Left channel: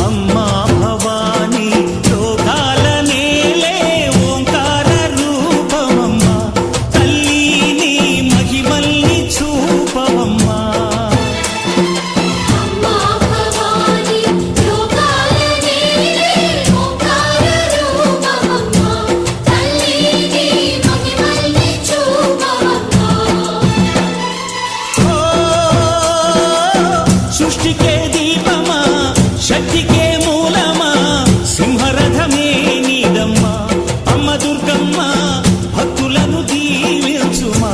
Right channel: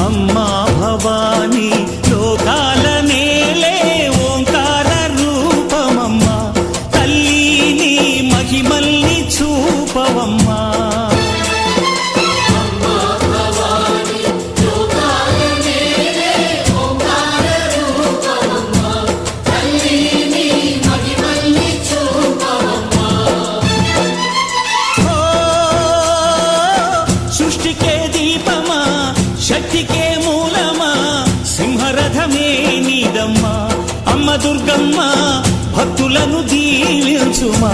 అమ్మా భవానీ లోకాల నేలే ఓంకార రూపమమ్మా తల్లి నీ మహిమల్ని చూపవమ్మా సృష్టికే దీపమా శక్తికే మూలమా సింహరథమే నీదమ్మా అమ్మ దుర్గమ్మ భక్తులను దీవించుమా